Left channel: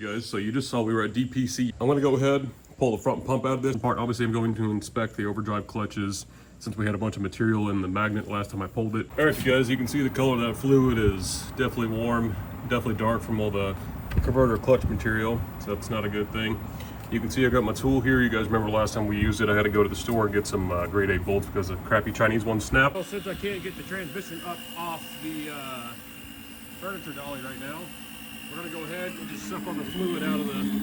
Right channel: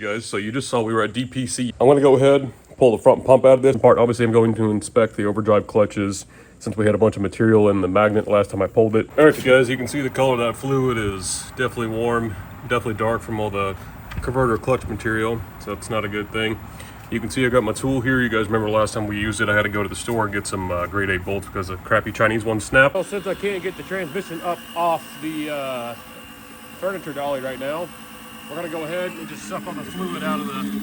guys, so you just saw we were at DPC. I'm gonna go ahead, pull the front pump out of this part. Obviously I'm going to inspect the overdrive clutches since we had a bunch of material in the magnet last time I pulled it. All right, you guys, you can see the color of that fluid is definitely warm, definitely dark from all the converter clutch material, so it's not a good thing. You can see I got my tool here. You guys remember last time we used it, I had to go to the store and get some grade 8 bolts because the crappy Chinese ones snapped. Well, since I can't get the transmission up off the furniture dolly right now, we're gonna go ahead and just suck all the fluid out of the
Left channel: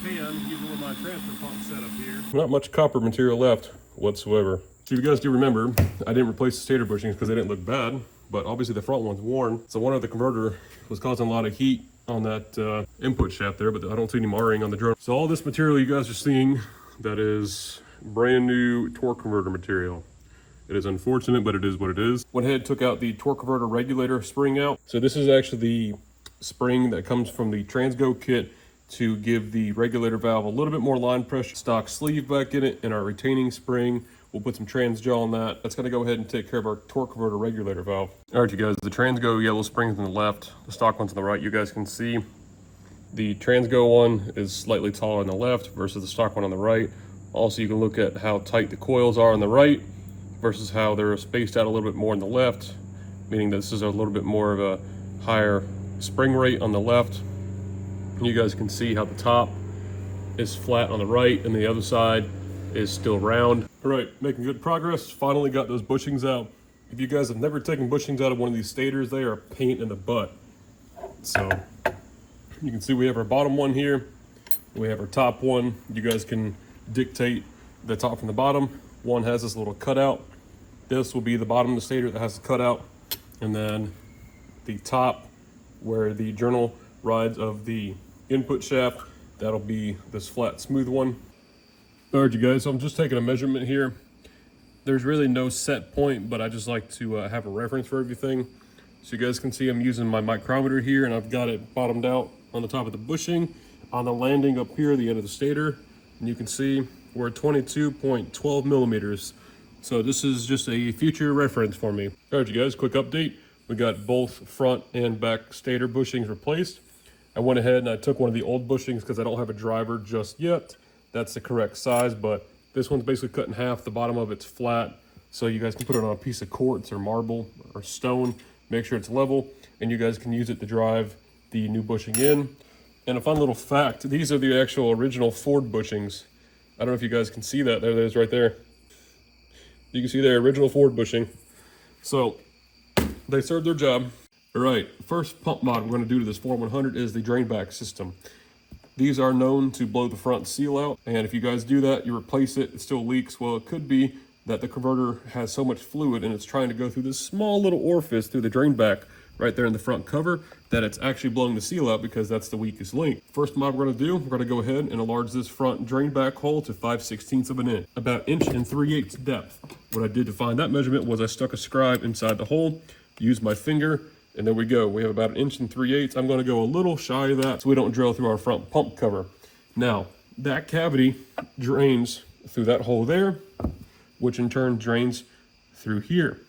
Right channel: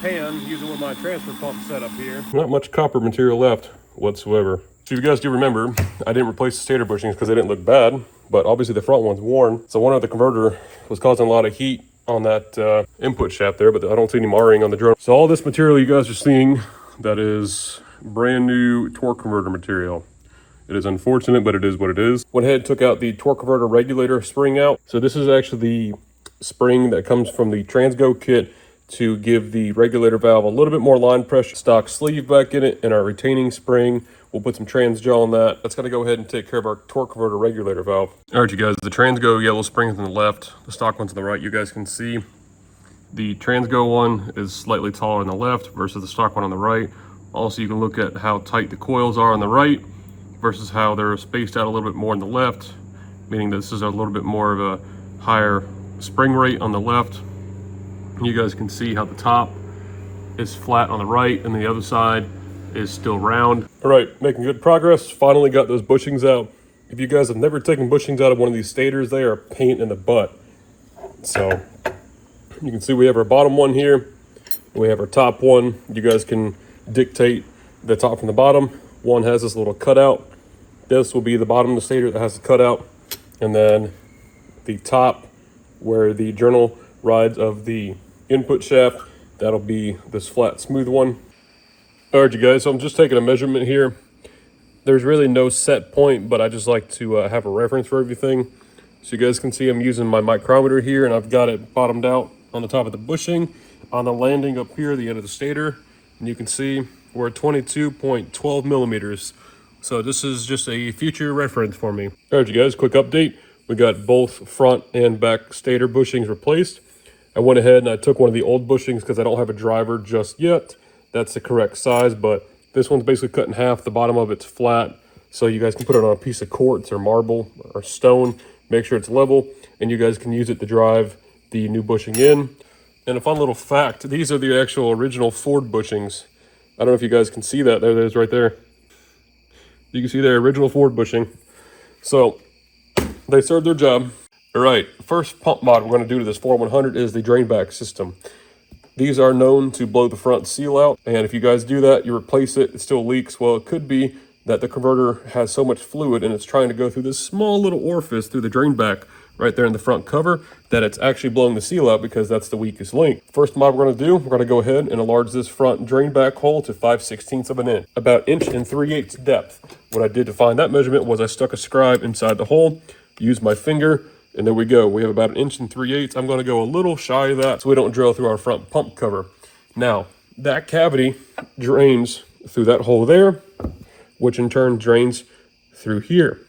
pan using one of my transfer pump set up here. Not much copper material left whatsoever. So if you guys do remember, I didn't replace the stator bushings because they didn't look bad, but obviously the front one's worn. So one of the converter was causing a lot of heat on that input shaft there, but I don't see any marring on the drum. So all this material you guys are seeing, that is brand new torque converter material. It is unfortunate, but it is what it is. Went ahead and took out the torque converter regulator spring out. So this is actually the spring that comes from the Transgo kit to give the regulator valve a little bit more line pressure. Stock sleeve back in it and our retaining spring. We'll put some Transgel on that. That's gonna go ahead and take care of our torque converter regulator valve. All right, you guys, the Transgo yellow spring's on the left, the stock one's on the right. You guys can see the Transgo one is slightly taller on the left versus the stock one on the right. Also, you can look at how tight the coils are on the right versus how they're spaced out a little bit more on the left, meaning this is a little bit more of a higher spring rate on the left. You guys can see how the top is flat on the right and the other side is still round. All right, making good progress. Finally got those bushings out. If you guys have never taken bushings out of one of these stators, they are a pain in the butt. So you can see we have our bottom one here. We have our top one. You guys can dictate the top from the bottom. One has this little cutout. This will be the bottom of the stator that has the cutout. And then the top where the journal rides of the input shaft, that'll be this flat smooth one. All right, you guys, so I'm just taking a measurement here. There's really no set point, but I just like to have a reference for everything. So you guys can see I'm using my micrometer here, and I've got it bottomed out on the top of the bushing on the landing up here, the end of the stator. And you can see we're at 22.12 millimeters. So this is just a future reference for me. All right, you guys, quick update. We got both front and back stator bushings replaced. I went ahead and I took one of the old bushings because I don't have a driver just yet. That's the correct size, but this one's basically cut in half. The bottom of it's flat, so you guys can put it on a piece of quartz or marble or stone. Make sure it's level, and you guys can use it to drive the new bushing in. And a fun little fact, these are the actual original Ford bushings. I don't know if you guys can see that. There it is right there. You can see their original Ford bushing. So they served their job. All right, first pump mod we're going to do to this 4100 is the drain back system. These are known to blow the front seal out, and if you guys do that, you replace it, it still leaks. Well, it could be that the converter has so much fluid and it's trying to go through this small little orifice through the drain back right there in the front cover that it's actually blowing the seal out because that's the weakest link. First mod we're going to do, we're going to go ahead and enlarge this front drain back hole to 5/16 of an inch, about 1 3/8 depth. What I did to find that measurement was I stuck a scribe inside the hole, used my finger, and there we go. We have about 1 3/8. I'm going to go a little shy of that so we don't drill through our front pump cover. Now, that cavity drains through that hole there, which in turn drains through here.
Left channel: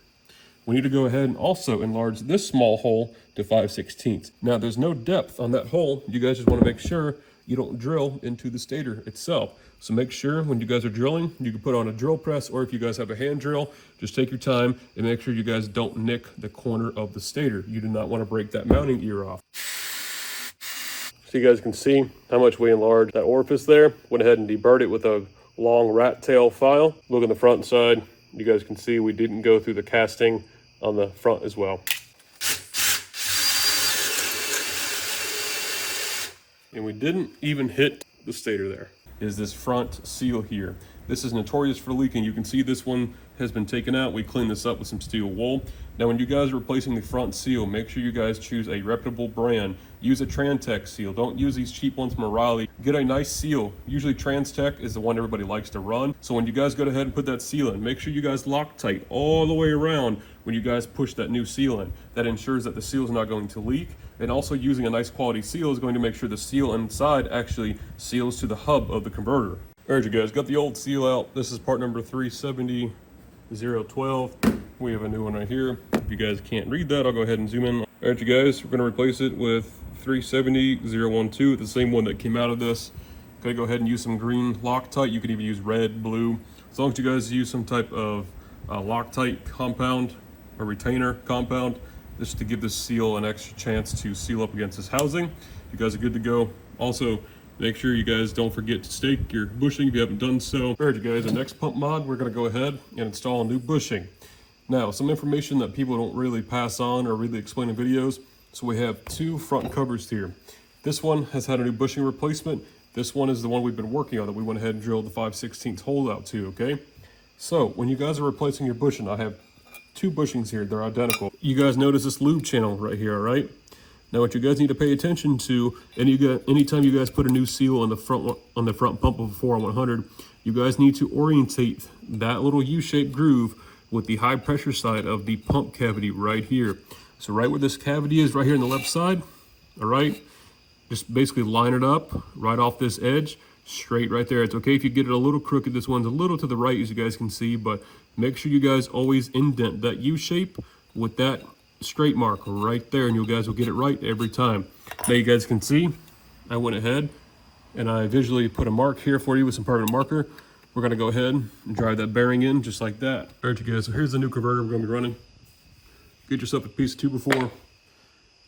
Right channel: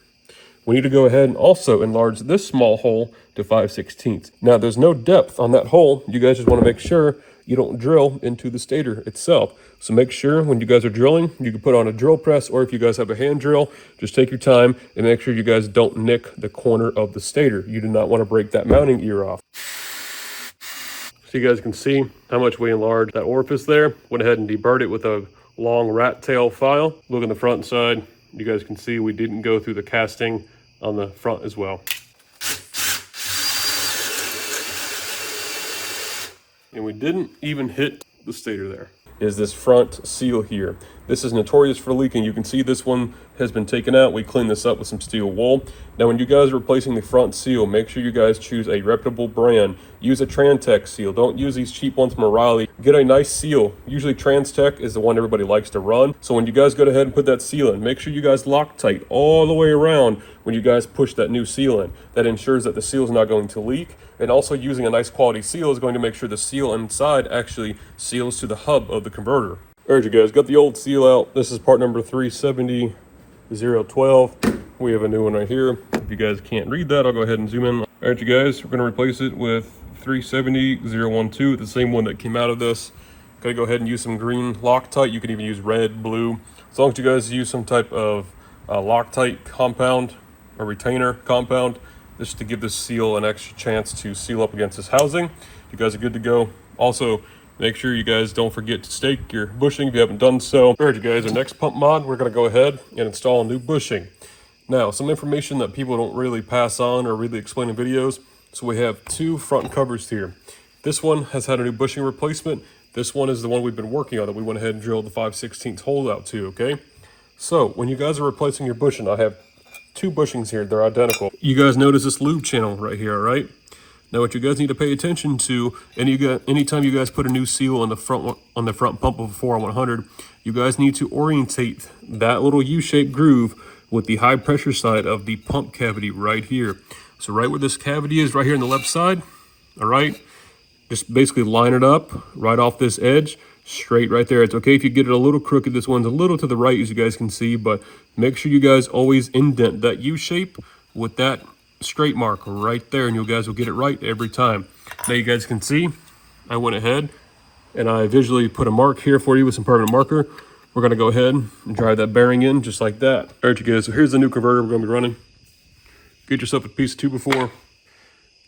We need to go ahead and also enlarge this small hole to 5/16. Now, there's no depth on that hole. You guys just want to make sure you don't drill into the stator itself. So make sure when you guys are drilling, you can put on a drill press, or if you guys have a hand drill, just take your time and make sure you guys don't nick the corner of the stator. You do not want to break that mounting ear off. So you guys can see how much we enlarged that orifice there. Went ahead and deburred it with a long rat tail file. Look on the front side. You guys can see we didn't go through the casting on the front as well. And we didn't even hit the stator there. Is this front seal here. This is notorious for leaking. You can see this one has been taken out. We cleaned this up with some steel wool. Now, when you guys are replacing the front seal, make sure you guys choose a reputable brand. Use a Trantech seal. Don't use these cheap ones from O'Reilly. Get a nice seal. Usually Trantech is the one everybody likes to run. So when you guys go ahead and put that seal in, make sure you guys Loctite all the way around when you guys push that new seal in. That ensures that the seal is not going to leak. And also using a nice quality seal is going to make sure the seal inside actually seals to the hub of the converter. All right, you guys, got the old seal out. This is part number 370-012. We have a new one right here. If you guys can't read that, I'll go ahead and zoom in. All right, you guys, we're gonna replace it with 370-012, the same one that came out of this. Gonna go ahead and use some green Loctite. You can even use red, blue. As long as you guys use some type of Loctite compound or retainer compound, just to give this seal an extra chance to seal up against this housing. You guys are good to go. Also, make sure you guys don't forget to stake your bushing if you haven't done so. All right, you guys, our next pump mod, we're gonna go ahead and install a new bushing. Now, some information that people don't really pass on or really explain in videos. So we have two front covers here. This one has had a new bushing replacement. This one is the one we've been working on that we went ahead and drilled the 5/16 hole out to, okay? So when you guys are replacing your bushing, I have two bushings here. They're identical. You guys notice this lube channel right here, right? Now what you guys need to pay attention to, anytime you guys put a new seal on the front pump of a 4-100, you guys need to orientate that little U-shaped groove with the high pressure side of the pump cavity right here. So right where this cavity is, right here on the left side, all right? Just basically line it up right off this edge, straight right there. It's okay if you get it a little crooked. This one's a little to the right, as you guys can see, but make sure you guys always indent that U shape with that straight mark right there, and you guys will get it right every time. Now you guys can see, I went ahead and I visually put a mark here for you with some permanent marker. We're gonna go ahead and drive that bearing in just like that. All right, you guys, so here's the new converter we're gonna be running. Get yourself a piece of 2x4.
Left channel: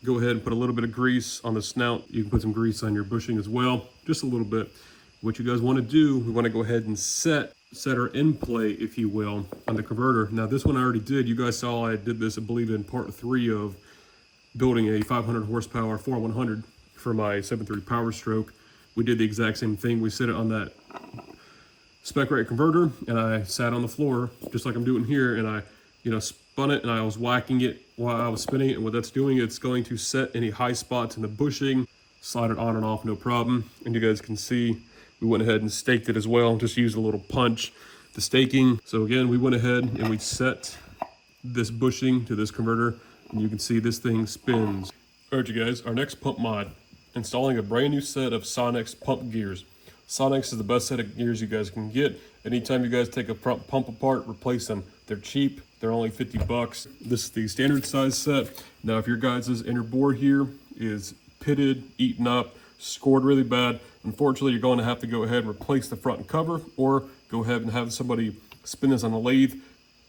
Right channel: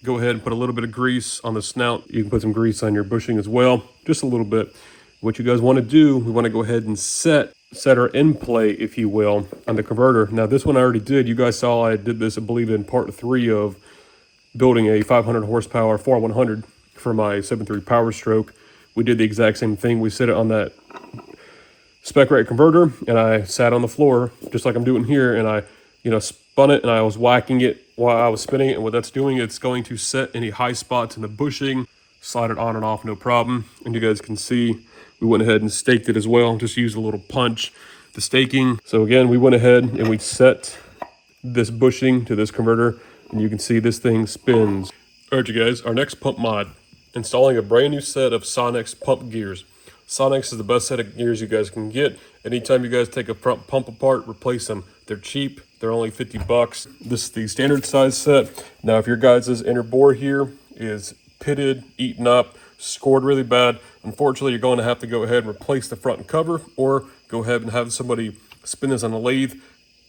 Go ahead and put a little bit of grease on the snout. You can put some grease on your bushing as well, just a little bit. What you guys want to do, we want to go ahead and set our end play, if you will, on the converter. Now this one I already did. You guys saw I did this, I believe, in part 3 of building a 500 horsepower 4-100 for my 7.3 Powerstroke. We did the exact same thing. We set it on that spec rate converter, and I sat on the floor just like I'm doing here, and I spun it, and I was whacking it while I was spinning it. And what that's doing, it's going to set any high spots in the bushing, slide it on and off, no problem. And you guys can see we went ahead and staked it as well. Just used a little punch, the staking. So again, we went ahead and we set this bushing to this converter, and you can see this thing spins. All right, you guys, our next pump mod, installing a brand new set of Sonex pump gears. Sonex is the best set of gears you guys can get. Anytime you guys take a front pump apart, replace them. They're cheap. They're only 50 bucks. This is the standard size set. Now, if your guys' inner bore here is pitted, eaten up, scored really bad, unfortunately, you're going to have to go ahead and replace the front cover, or go ahead and have somebody spin this on a lathe,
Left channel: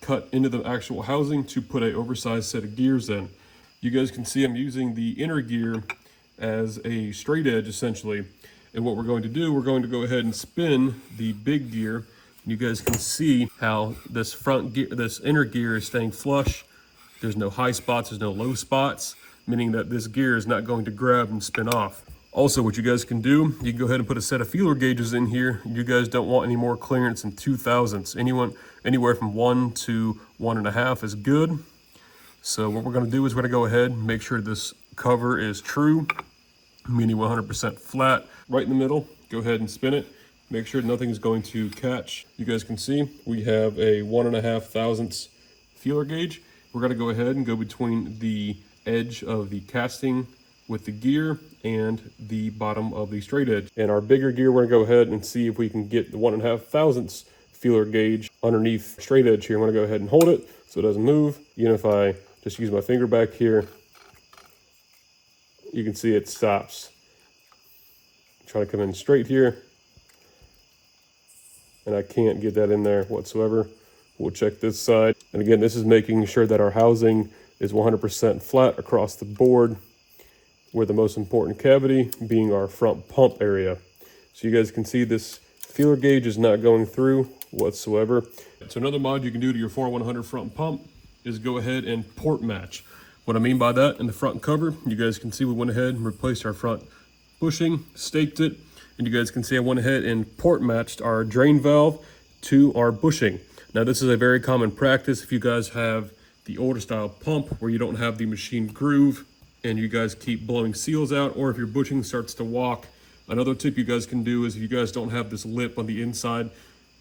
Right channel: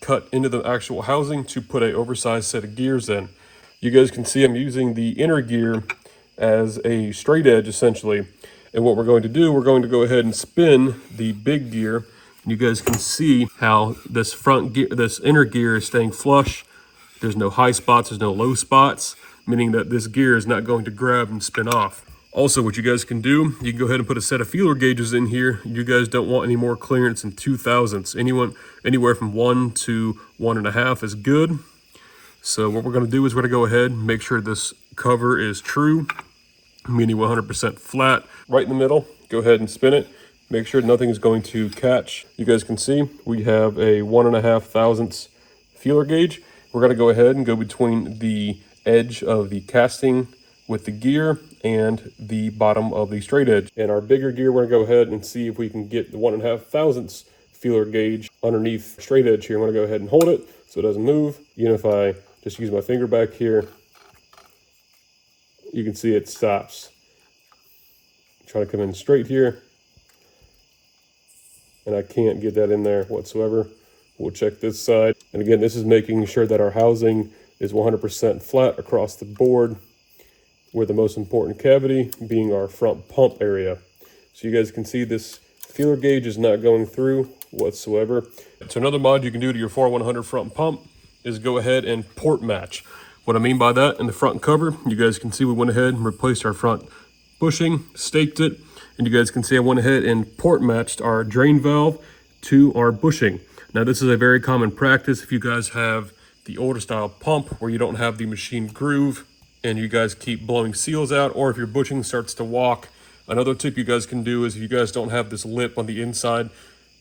cut into the actual housing to put a oversized set of gears in. You guys can see I'm using the inner gear as a straight edge, essentially. And what we're going to do, we're going to go ahead and spin the big gear. You guys can see how this front gear, this inner gear is staying flush. There's no high spots, there's no low spots, meaning that this gear is not going to grab and spin off. Also, what you guys can do, you can go ahead and put a set of feeler gauges in here. You guys don't want any more clearance than 2/1000. Anywhere from 1 to 1.5 is good. So what we're gonna do is we're gonna go ahead and make sure this cover is true, meaning 100% flat. Right in the middle, go ahead and spin it. Make sure nothing is going to catch. You guys can see we have a 1.5 thousandths feeler gauge. We're gonna go ahead and go between the edge of the casting with the gear and the bottom of the straight edge. And our bigger gear, we're gonna go ahead and see if we can get the 1.5 thousandths feeler gauge underneath straight edge here. I'm gonna go ahead and hold it so it doesn't move. Even if I just use my finger back here, you can see it stops. Try to come in straight here, and I can't get that in there whatsoever. We'll check this side. And again, this is making sure that our housing is 100% flat across the board, with the most important cavity being our front pump area. So you guys can see this feeler gauge is not going through whatsoever. So another mod you can do to your 4-100 front pump is go ahead and port match. What I mean by that, in the front cover, you guys can see we went ahead and replaced our front bushing, staked it, and you guys can see I went ahead and port matched our drain valve to our bushing. Now this is a very common practice if you guys have the older style pump where you don't have the machine groove and you guys keep blowing seals out, or if your bushing starts to walk. Another tip you guys can do is if you guys don't have this lip on the inside,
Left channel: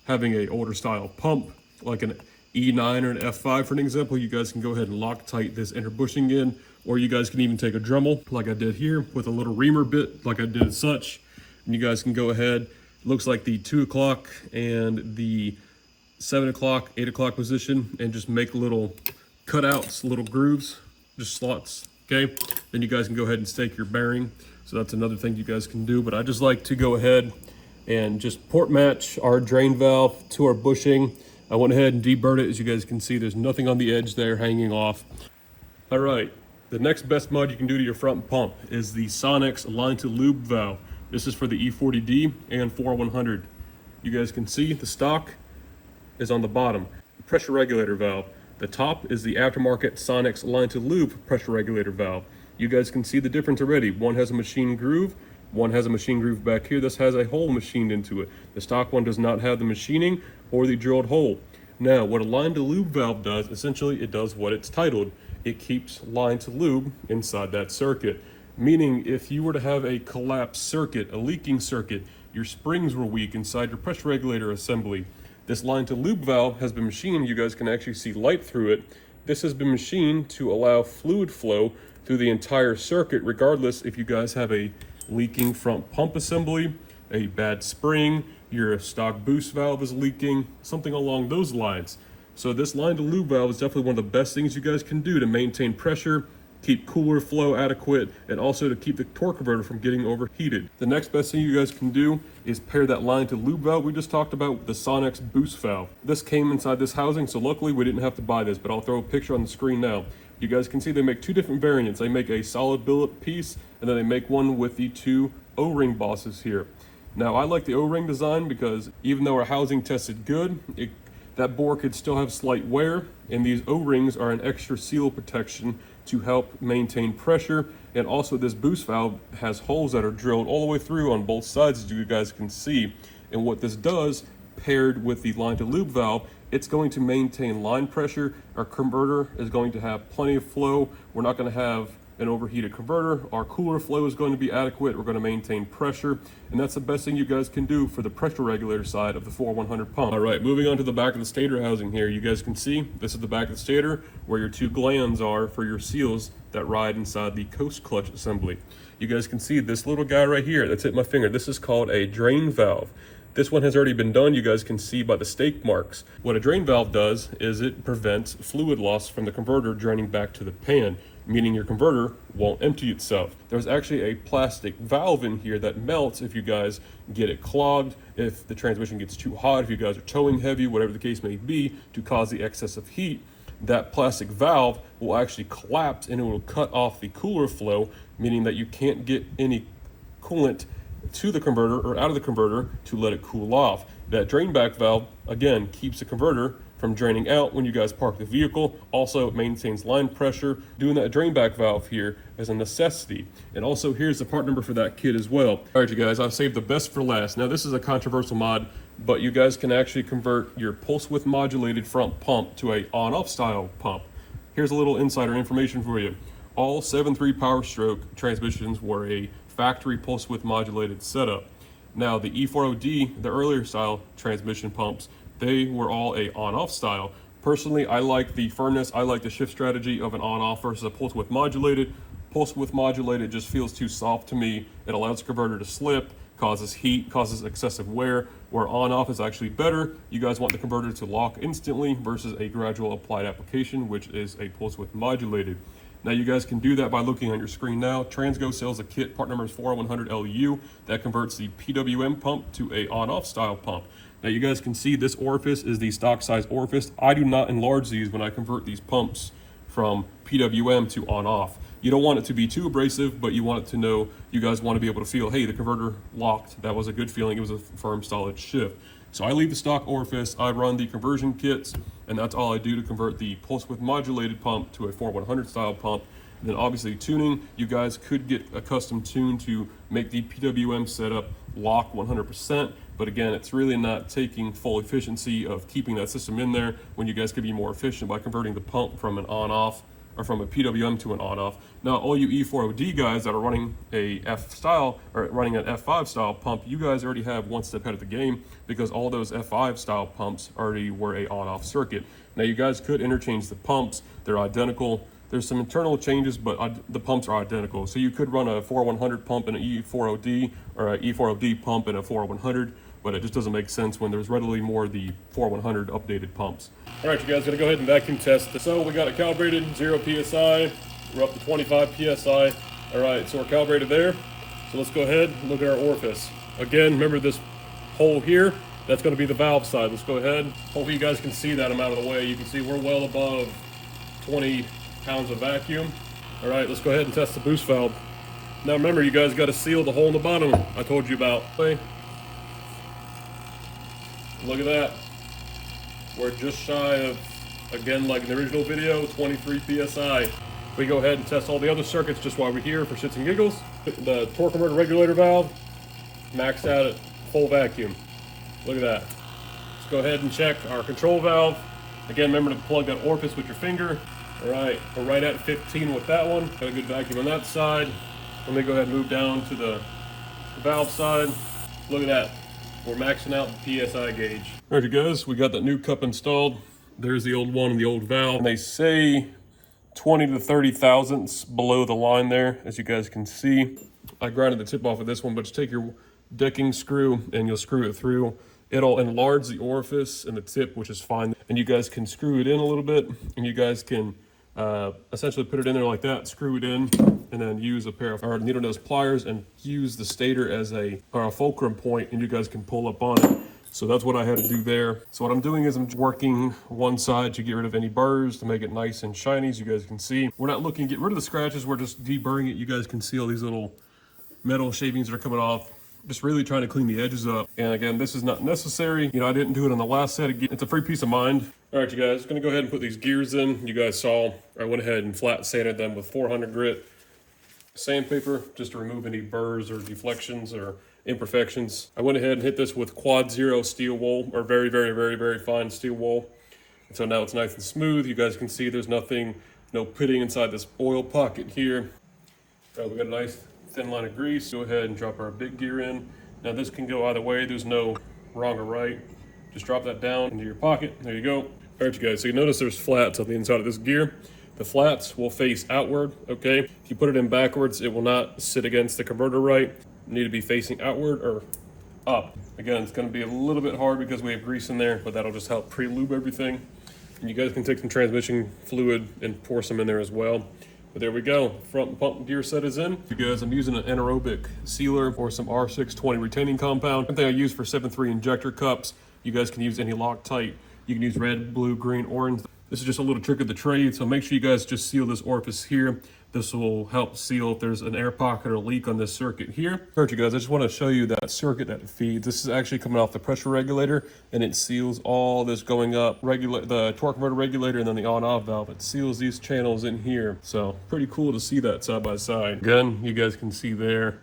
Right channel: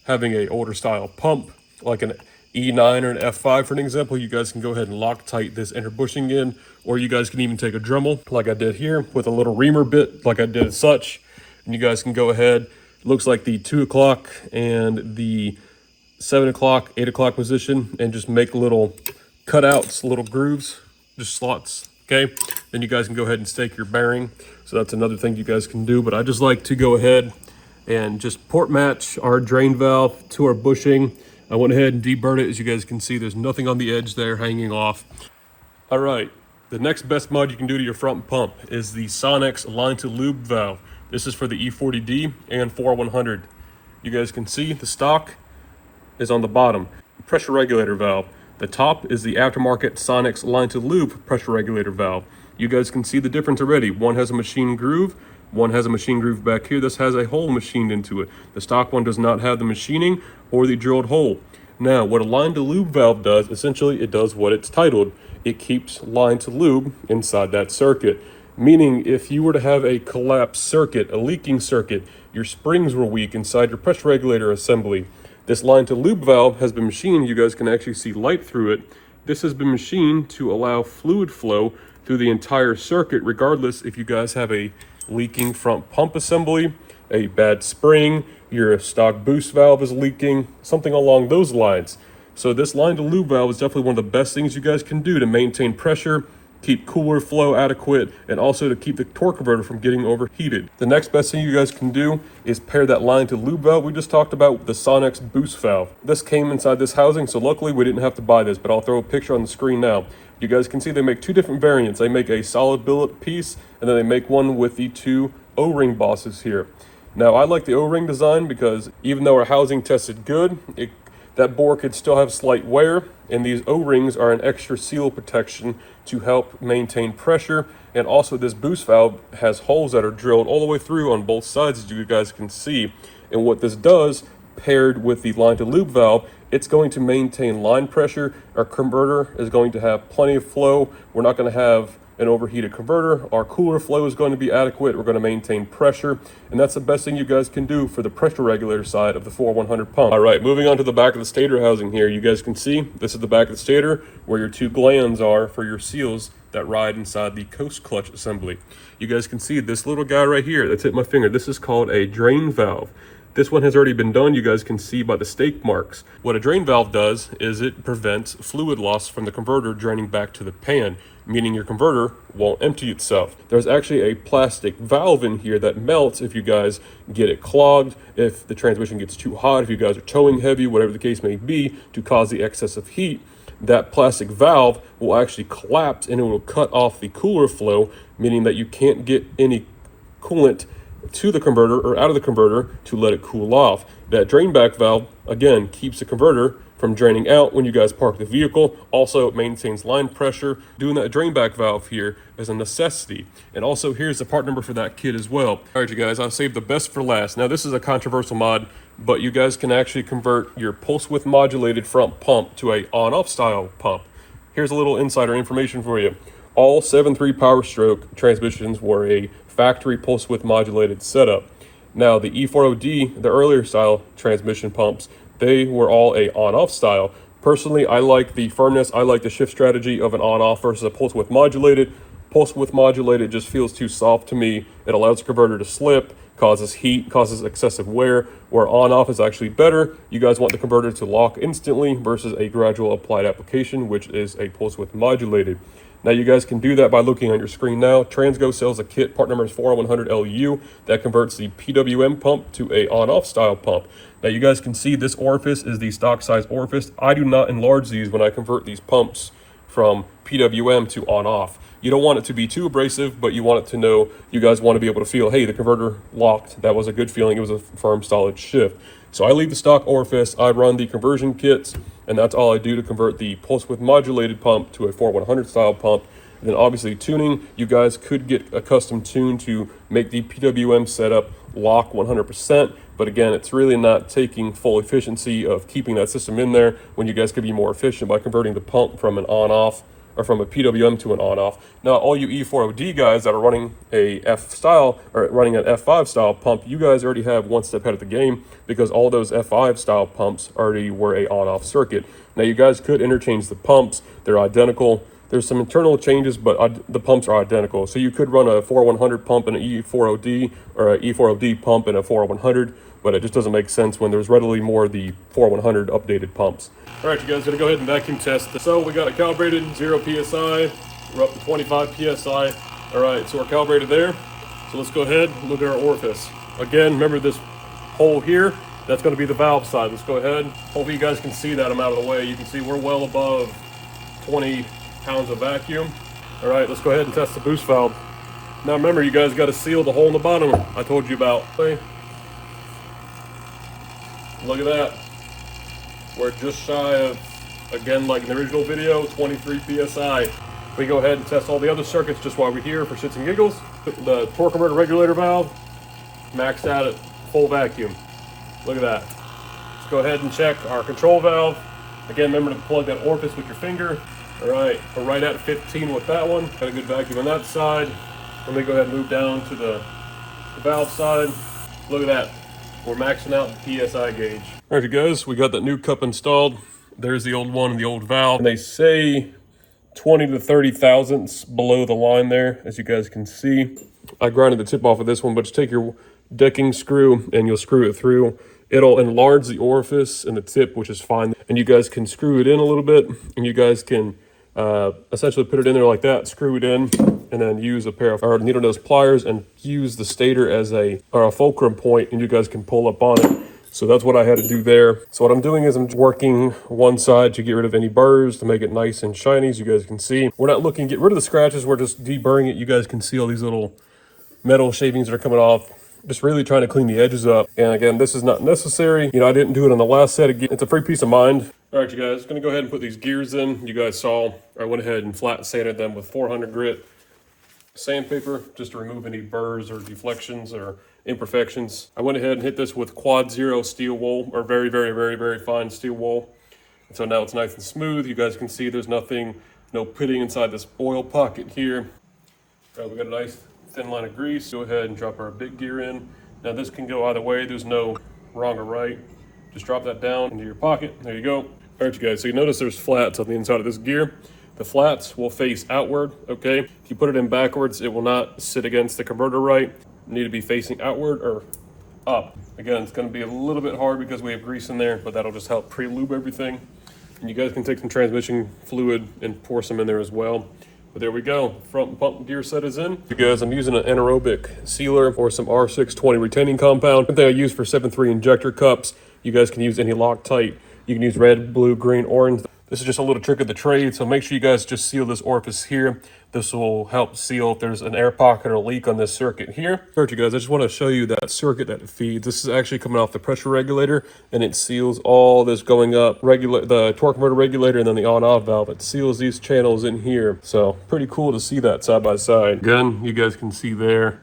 having a older style pump, like an E9 or an F5 for an example, you guys can go ahead and Loctite this inner bushing in, or you guys can even take a Dremel like I did here with a little reamer bit like I did as such, and you guys can go ahead, it looks like the 2 o'clock and the 7 o'clock, 8 o'clock position, and just make little cutouts, little grooves, just slots Okay, then you guys can go ahead and stake your bearing. So that's another thing you guys can do, but I just like to go ahead and just port match our drain valve to our bushing. I went ahead and deburred it. As you guys can see, there's nothing on the edge there hanging off. All right, the next best mod you can do to your front pump is the Sonex line to lube valve. This is for the E40D and 4100. You guys can see the stock is on the bottom. Pressure regulator valve. The top is the aftermarket Sonex line to lube pressure regulator valve. You guys can see the difference already. One has a machine groove, one has a machine groove back here. This has a hole machined into it. The stock one does not have the machining or the drilled hole. Now, what a line to lube valve does, essentially it does what it's titled. It keeps line to lube inside that circuit. Meaning if you were to have a collapsed circuit, a leaking circuit, your springs were weak inside your pressure regulator assembly, this line to lube valve has been machined. You guys can actually see light through it. This has been machined to allow fluid flow through the entire circuit, regardless if you guys have a leaking front pump assembly, a bad spring, your stock boost valve is leaking, something along those lines. So this line to lube valve is definitely one of the best things you guys can do to maintain pressure, keep cooler flow adequate, and also to keep the torque converter from getting overheated. The next best thing you guys can do is pair that line to lube valve we just talked about with the Sonex boost valve. This came inside this housing, so luckily we didn't have to buy this, but I'll throw a picture on the screen now. You guys can see they make two different variants. They make a solid billet piece, and then they make one with the two O-ring bosses here. Now, I like the O-ring design because even though our housing tested good, that bore could still have slight wear, and these O-rings are an extra seal protection to help maintain pressure. And also this boost valve has holes that are drilled all the way through on both sides, as you guys can see. And what this does, paired with the line to lube valve, it's going to maintain line pressure. Our converter is going to have plenty of flow. We're not going to have an overheated converter. Our cooler flow is going to be adequate. We're going to maintain pressure, and that's the best thing you guys can do for the pressure regulator side of the 4100 pump. All right, moving on to the back of the stator housing here. You guys can see this is the back of the stator where your two glands are for your seals that ride inside the coast clutch assembly. You guys can see this little guy right here that's hit my finger. This is called a drain valve. This one has already been done. You guys can see by the stake marks. What a drain valve does is it prevents fluid loss from the converter draining back to the pan, meaning your converter won't empty itself. There's actually a plastic valve in here that melts if you guys get it clogged, if the transmission gets too hot, if you guys are towing heavy, whatever the case may be, to cause the excess of heat. That plastic valve will actually collapse and it will cut off the cooler flow, meaning that you can't get any coolant to the converter or out of the converter to let it cool off. That drain back valve, again, keeps the converter from draining out when you guys park the vehicle. Also, it maintains line pressure. Doing that drain back valve here is a necessity. And also, here's the part number for that kit as well. All right, you guys, I'll save the best for last. Now, this is a controversial mod, but you guys can actually convert your pulse width modulated front pump to a on-off style pump. Here's a little insider information for you. All 7.3 Powerstroke transmissions were a factory pulse width modulated setup. Now the E40D, the earlier style transmission pumps, they were all a on-off style. Personally, I like the firmness, I like the shift strategy of an on-off versus a pulse width modulated. Pulse width modulated just feels too soft to me. It allows the converter to slip, causes heat, causes excessive wear, where on-off is actually better. You guys want the converter to lock instantly versus a gradual applied application, which is a pulse width modulated. Now you guys can do that by looking on your screen now. Transgo sells a kit, part number is 4100LU, that converts the PWM pump to a on-off style pump. Now you guys can see this orifice is the stock size orifice. I do not enlarge these when I convert these pumps from PWM to on-off. You don't want it to be too abrasive, but you want it to know, you guys want to be able to feel, hey, the converter locked. That was a good feeling. It was a firm, solid shift. So I leave the stock orifice, I run the conversion kits, and that's all I do to convert the pulse width modulated pump to a 4100 style pump. And then obviously tuning, you guys could get a custom tune to make the PWM setup lock 100%. But again, it's really not taking full efficiency of keeping that system in there when you guys could be more efficient by converting the pump from an on-off or from a PWM to an on-off. Now, all you E4OD guys that are running a F style or running an F5 style pump, you guys already have one step ahead of the game because all those F5 style pumps already were a on-off circuit. Now, you guys could interchange the pumps. They're identical. There's some internal changes, but the pumps are identical. So you could run a 4100 pump and an E4OD or an E4OD pump and a 4100, but it just doesn't make sense when there's readily more of the 4100 updated pumps. All right, you guys, gonna go ahead and vacuum test. So we got it calibrated, 0 PSI. We're up to 25 PSI. All right, so we're calibrated there. So let's go ahead and look at our orifice. Again, remember this hole here, that's gonna be the valve side. Let's go ahead. Hopefully you guys can see that I'm out of the way. You can see we're well above 20 pounds of vacuum. All right, let's go ahead and test the boost valve. Now remember, you guys gotta seal the hole in the bottom I told you about. Okay. Look at that. We're just shy of, again, like in the original video, 23 PSI. We go ahead and test all the other circuits just while we're here for shits and giggles. The torque converter regulator valve, maxed out at full vacuum. Look at that. Let's go ahead and check our control valve. Again, remember to plug that orifice with your finger. All right, we're right at 15 with that one. Got a good vacuum on that side. Let me go ahead and move down to the valve side. Look at that. We're maxing out the PSI gauge. All right, you guys, we got that new cup installed. There's the old one and the old valve. And they say 20 to 30 thousandths below the line there, as you guys can see. I grinded the tip off of this one, but just take your decking screw and you'll screw it through. It'll enlarge the orifice and the tip, which is fine. And you guys can screw it in a little bit, and you guys can essentially put it in there like that, screw it in, and then use a pair of needle nose pliers and use the stator as a fulcrum point, and you guys can pull up on it. So that's what I had to do there. So what I'm doing is I'm working one side to get rid of any burrs to make it nice and shiny, as you guys can see. We're not looking to get rid of the scratches, we're just deburring it. You guys can see all these little metal shavings that are coming off. Just really trying to clean the edges up. And again, this is not necessary. You know, I didn't do it on the last set. Again, it's a free peace of mind. All right, you guys, gonna go ahead and put these gears in. You guys saw, I went ahead and flat sanded them with 400 grit sandpaper just to remove any burrs or deflections or imperfections. I went ahead and hit this with quad zero steel wool, or very, very, very, very fine steel wool. And so now it's nice and smooth. You guys can see there's nothing, no pitting inside this oil pocket here. All right, we got a nice thin line of grease. Go ahead and drop our big gear in. Now this can go either way. There's no wrong or right. Just drop that down into your pocket. There you go. All right, you guys, so you notice there's flats on the inside of this gear. The flats will face outward, okay? If you put it in backwards, it will not sit against the converter right. You need to be facing outward or up. Again, it's gonna be a little bit hard because we have grease in there, but that'll just help pre-lube everything. And you guys can take some transmission fluid and pour some in there as well. But there we go, front pump gear set is in. You guys, I'm using an anaerobic sealer or some R620 retaining compound. Something I use for 7.3 injector cups. You guys can use any Loctite. You can use red, blue, green, orange. This is just a little trick of the trade, so make sure you guys just seal this orifice here. This will help seal if there's an air pocket or leak on this circuit here. All right, you guys, I just want to show you that circuit that it feeds. This is actually coming off the pressure regulator, and it seals all this going up, the torque converter regulator, and then the on-off valve. It seals these channels in here. So pretty cool to see that side by side. Again, you guys can see there.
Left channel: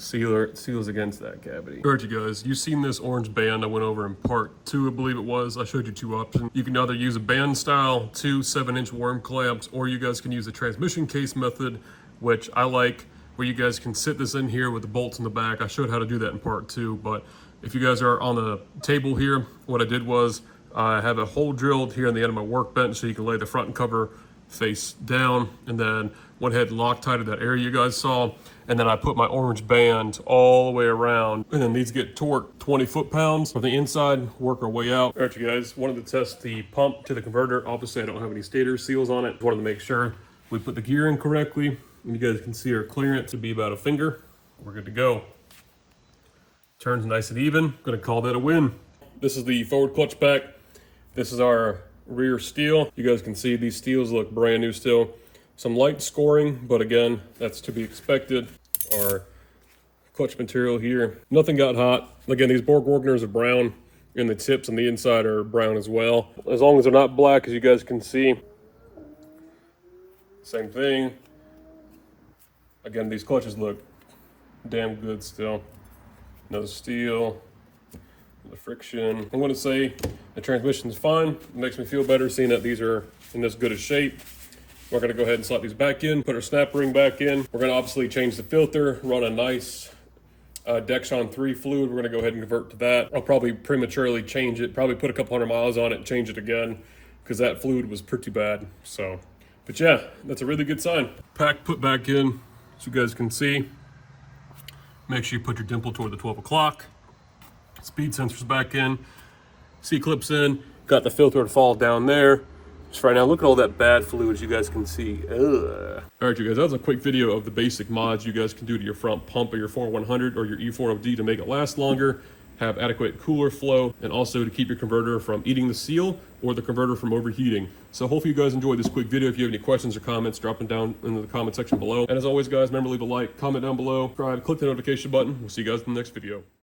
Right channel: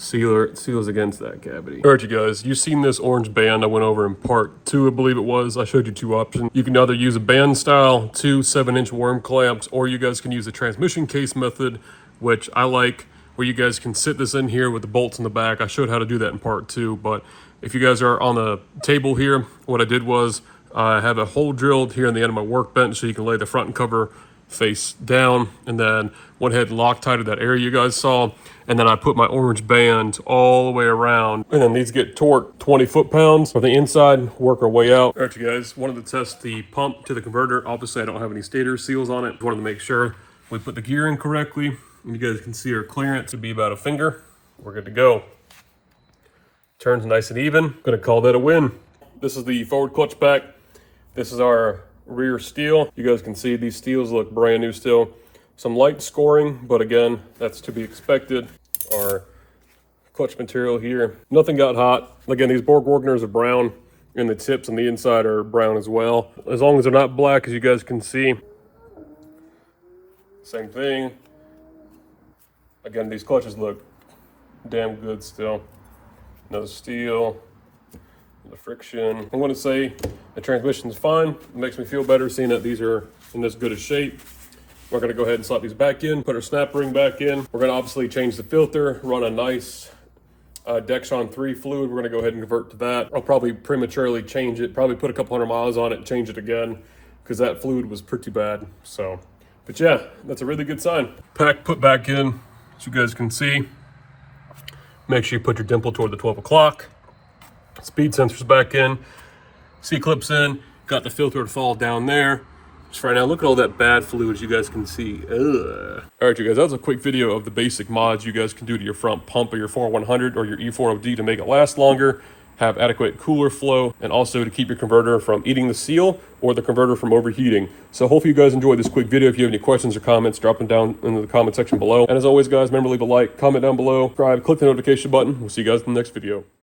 Sealer seals against that cavity. All right, you guys, you've seen this orange band I went over in part 2, I believe it was. I showed you 2 options. You can either use a band style, 2 7-inch worm clamps, or you guys can use a transmission case method, which I like, where you guys can sit this in here with the bolts in the back. I showed how to do that in part 2, but if you guys are on the table here, what I did was I have a hole drilled here on the end of my workbench so you can lay the front cover face down, and then went ahead and Loctited that area you guys saw, and then I put my orange band all the way around, and then these get torqued 20 foot-pounds from the inside, work our way out. All right, you guys, wanted to test the pump to the converter. Obviously I don't have any stator seals on it. Wanted to make sure we put the gear in correctly. And you guys can see our clearance would be about a finger. We're good to go. Turns nice and even. Gonna call that a win. This is the forward clutch pack. This is our rear steel. You guys can see these steels look brand new still. Some light scoring, but again, that's to be expected. Our clutch material here, nothing got hot. Again, these Borg Wargners are brown, and the tips on the inside are brown as well. As long as they're not black, as you guys can see. Same thing. Again, these clutches look damn good still. No steel. The friction. I'm going to say the transmission's fine. It makes me feel better seeing that these are in this good a shape. We're going to go ahead and slot these back in, put our snap ring back in. We're going to obviously change the filter, run a nice Dexron 3 fluid. We're going to go ahead and convert to that. I'll probably prematurely change it, probably put a couple hundred miles on it, change it again, because that fluid was pretty bad. So, but yeah, that's a really good sign. Pack put back in, as you guys can see. Make sure you put your dimple toward the 12 o'clock. Speed sensors back in, C-clips in, got the filter to fall down there. Just right now, look at all that bad fluid, as you guys can see. Ugh. All right, you guys, that was a quick video of the basic mods you guys can do to your front pump of your 4100 or your E4OD to make it last longer, have adequate cooler flow, and also to keep your converter from eating the seal or the converter from overheating. So hopefully you guys enjoyed this quick video. If you have any questions or comments, drop them down in the comment section below. And as always, guys, remember to leave a like, comment down below, subscribe, click the notification button. We'll see you guys in the next video.